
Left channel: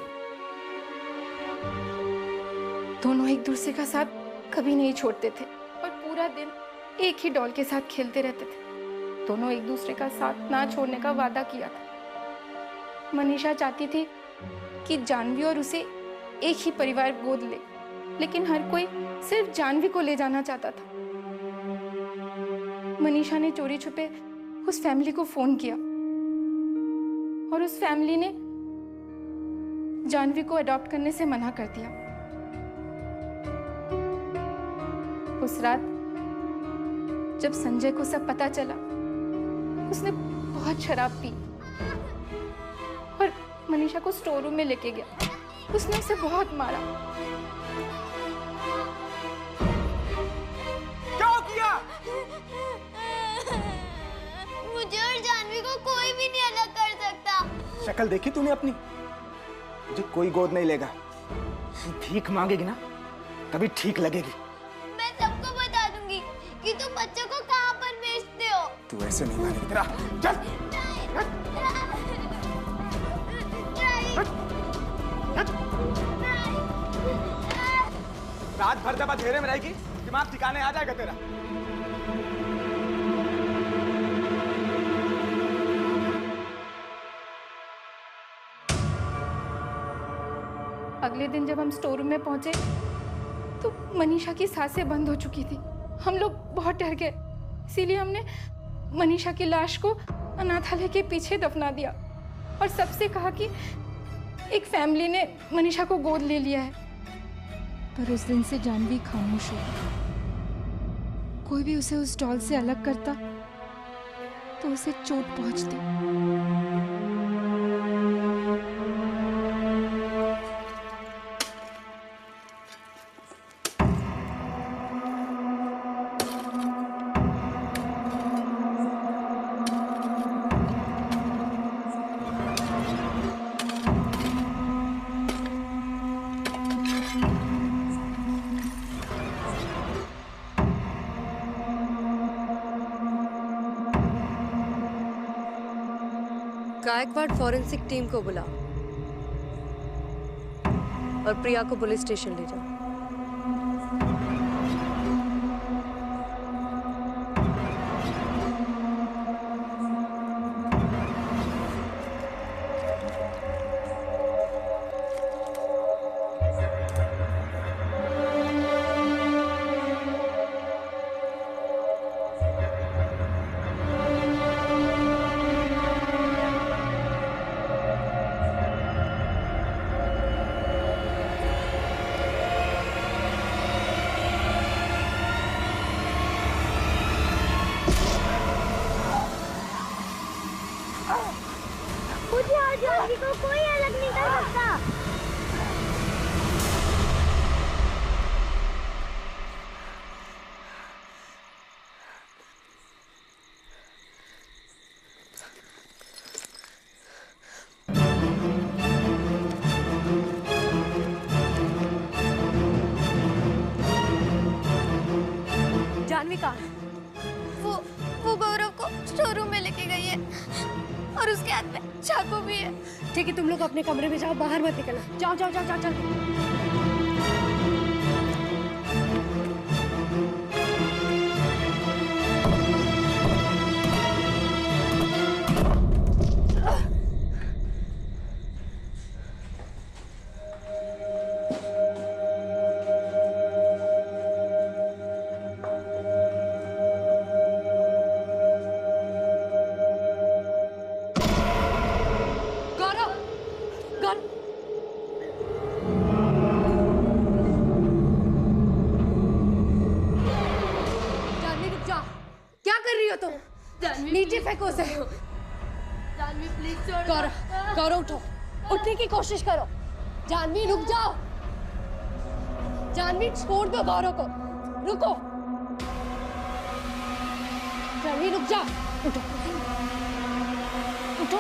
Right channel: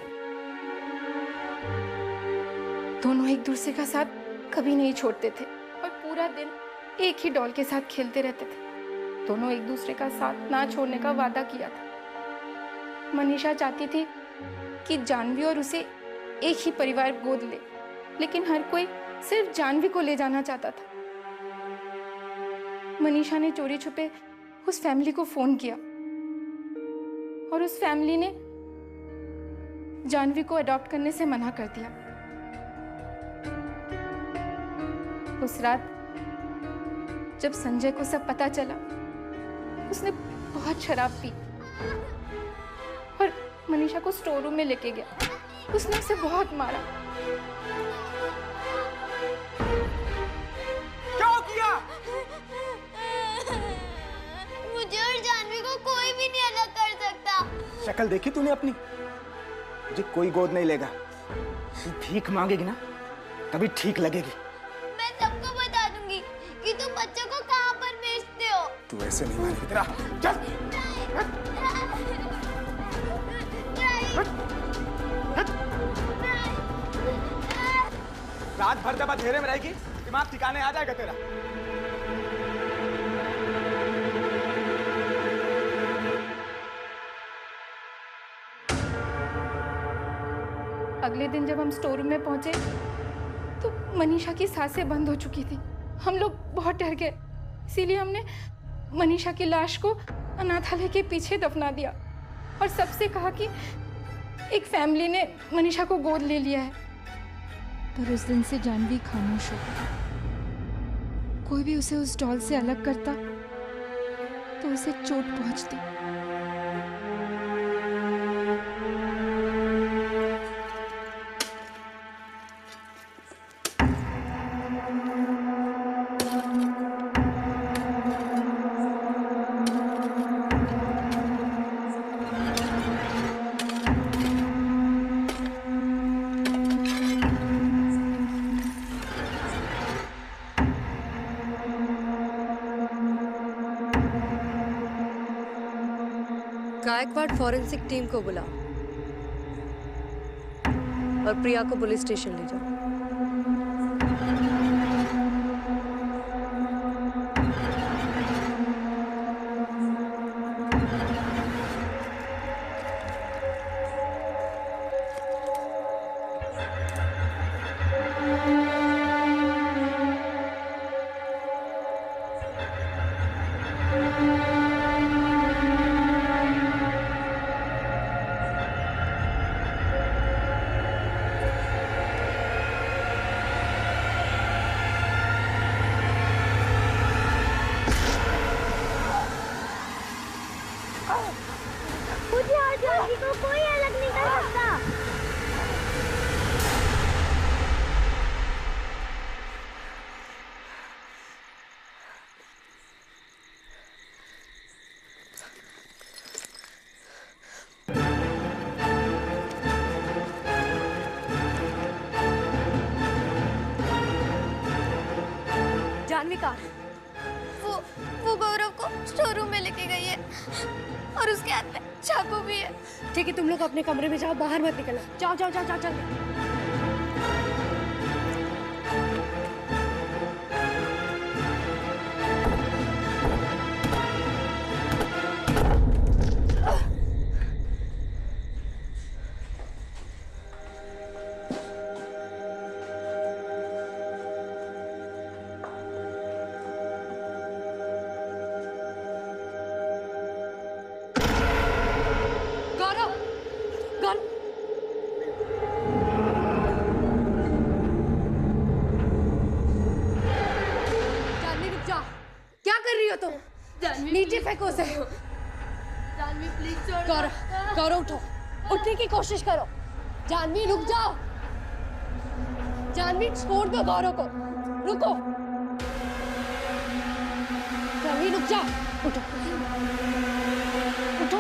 दोनों एक दूसरे का साथ कभी नहीं छोड़ते थे और पूरा दिन एक ही डॉल के साथ खेलते रहते थे। दोनों एक दूसरे का साथ ना छोड़ने का वादा किया था। मनीषा चाहती थी कि जानवी और उसे एक ही परिवार गोद ले, लेकिन हर कोई सिर्फ जानवी को ले जाना चाहता था। मनीषा ने चोरी छुपे उस फैमिली को फोन किया और उस फैमिली ने जानवी को अडॉप्ट करने से मना कर दिया। उस रात जब संजय को सब पता चला, उसने बहुत शराब पी और मनीषा को स्टोर रूम में लेके गया। उसने उसे बहुत मारा। क्या किया? मुझे और जानवी को कोई भी नहीं अलग कर सकता। शक्ल देखी तूने अपनी? मुझे कोई गोद नहीं लेगा। तू भीख मांगेगी ना, तभी ठीक लगेगी। मैं सबको बता दूंगी कि तुम बच्चों को कहां पर बेचते हो। तू ऐसे नहीं मानेगी। तेरा चल। रात भर जब अंधेरे में रहेगी, दिमाग ठिकाने आ जाएगा तेरा। अगले दिन जब हम स्टोर रूम में पहुंचे तो मनीषा की सांसें बंद हो चुकी थी। हम लोग बहुत डर गए, इसीलिए हमने मनीषा की लाश को अनाथालय के पीछे दफना दिया। और सबसे कहा कि एक फैमिली ने मनीषा को गोद ले लिया है। पर उस दिन से जानवी खामोश हो गई। कोई भी उसे उस डॉल से अलग करता तो उसे चोट पहुंचती। गायकवाड़ फॉरेंसिक टीम को बुलाओ और प्रिया को पुलिस स्टेशन ले जाओ। मुझे और जानवी को कोई अलग नहीं कर सकता। जानवी कहाँ है? वो गौरव को शोरूम में लेके गई है और उसके हाथ में चाकू भी है। ठीक है, तुम लोग अपने कमरे में जाओ, बाहर मत निकलना। जाओ जाओ जाओ जाओ जल्दी। क्या कर रही हो तुम? नीचे फेंको उसे। जानवी प्लीज छोड़। गौरव उठो, उठने की कोशिश करो। जानवी रुक जाओ। जानवी छोड़ दो गौरव को, रुको। जानवी रुक जा, उठो उठो।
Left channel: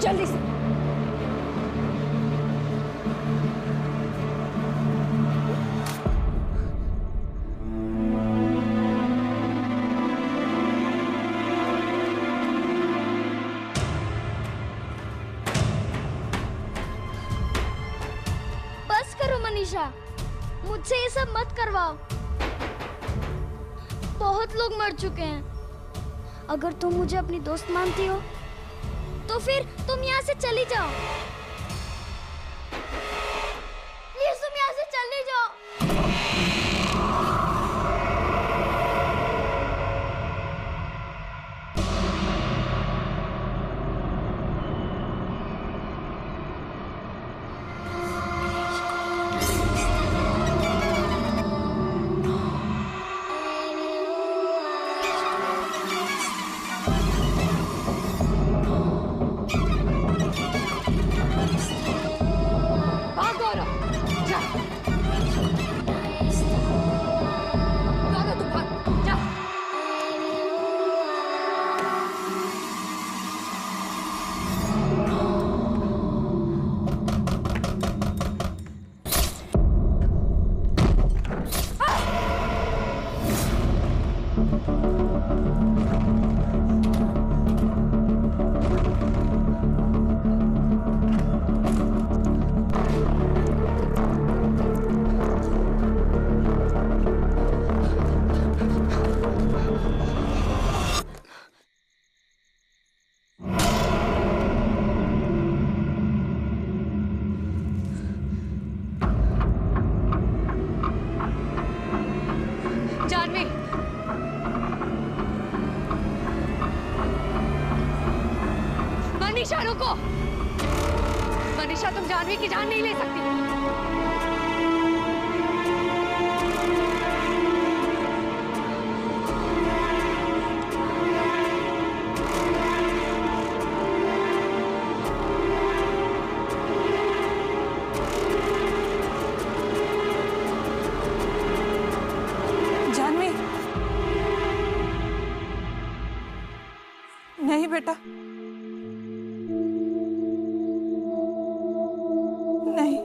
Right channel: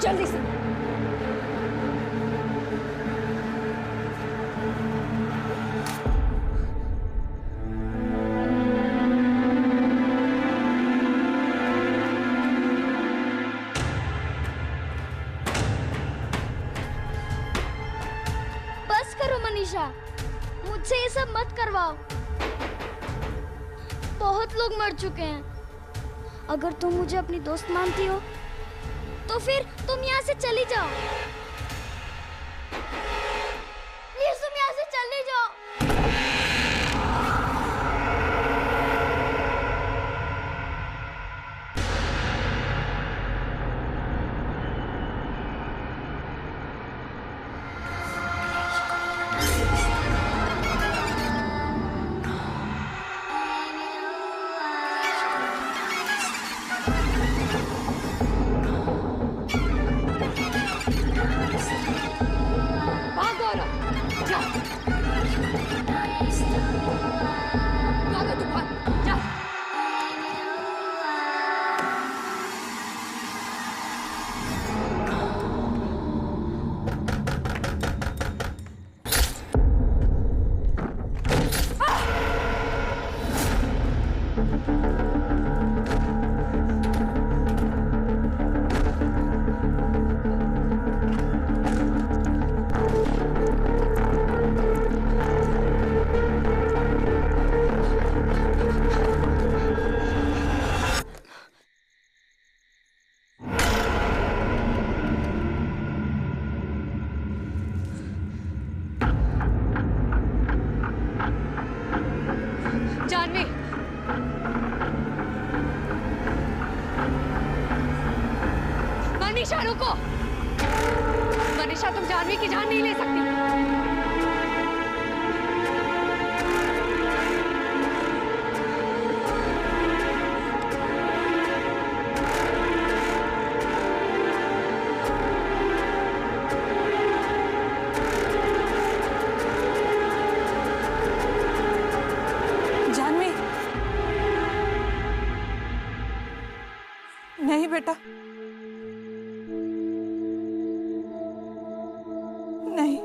जल्दी से। बस करो मनीषा, मुझसे ये सब मत करवाओ। बहुत लोग मर चुके हैं। अगर तुम मुझे अपनी दोस्त मानती हो तो फिर तुम यहाँ से चली जाओ। प्लीज तुम यहाँ से चली जाओ। मनीषा रुको। मनीषा तुम जानवी की जान नहीं ले सकती। जानवी, नहीं बेटा, नहीं।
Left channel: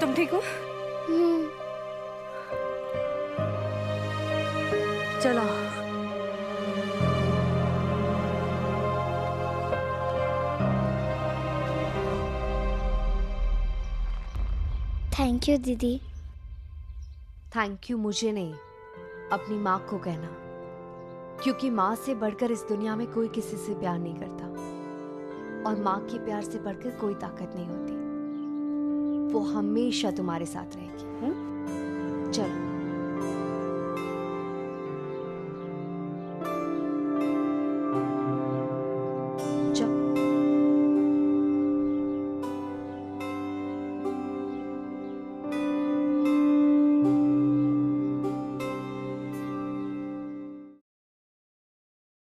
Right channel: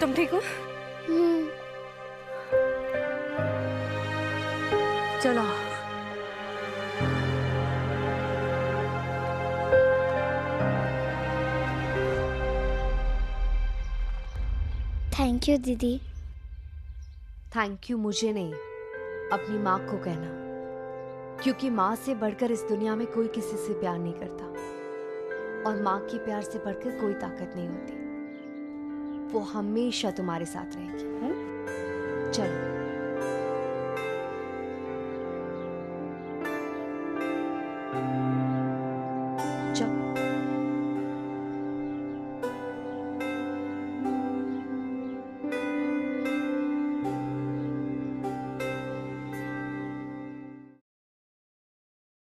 तुम ठीक हो? चलो। थैंक यू दीदी। थैंक यू मुझे नहीं, अपनी माँ को कहना, क्योंकि माँ से बढ़कर इस दुनिया में कोई किसी से प्यार नहीं करता, और माँ के प्यार से बढ़कर कोई ताकत नहीं होती। वो हमेशा तुम्हारे साथ रहेगी। चलो।